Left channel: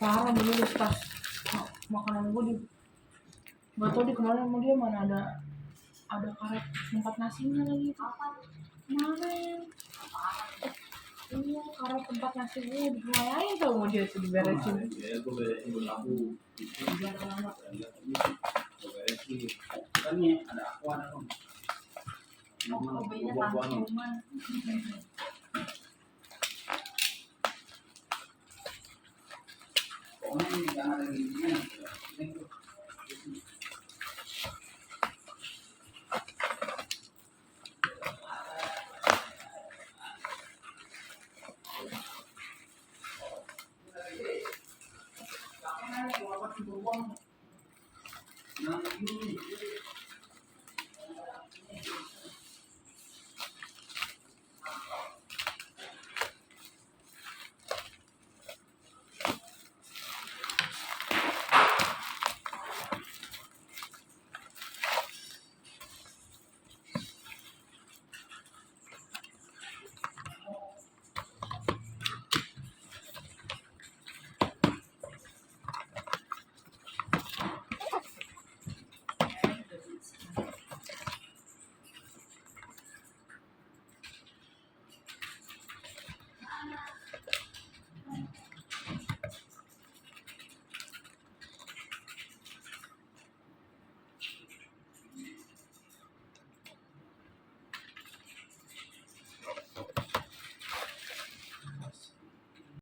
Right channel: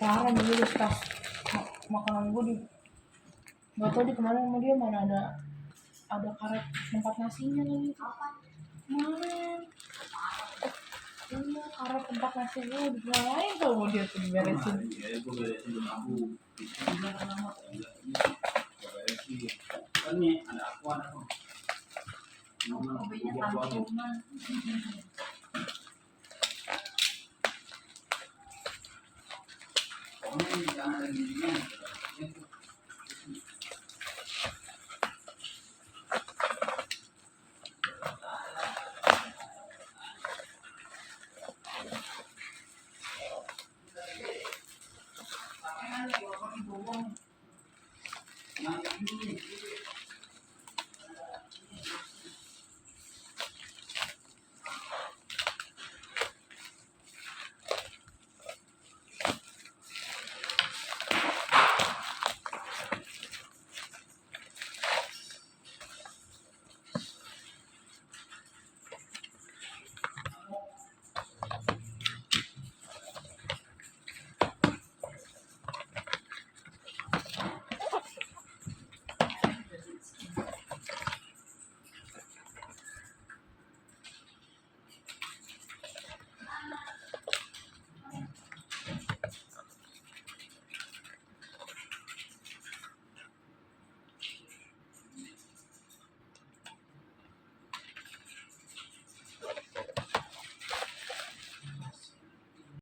parah menurut pas makanan gue di nggak tahu di kemana sama dia, mana ada karet tempat nasinya lagi kemarin. Iya, karet tempat nasi gue dilayain tuh mau dia tuh diberesin. Iya, gue beresin dulu aku. Udah lama. Gue beresin. Kan nih ada aku ada kok. Kopinya tampungan. Pokoknya ini jangan ada giginya.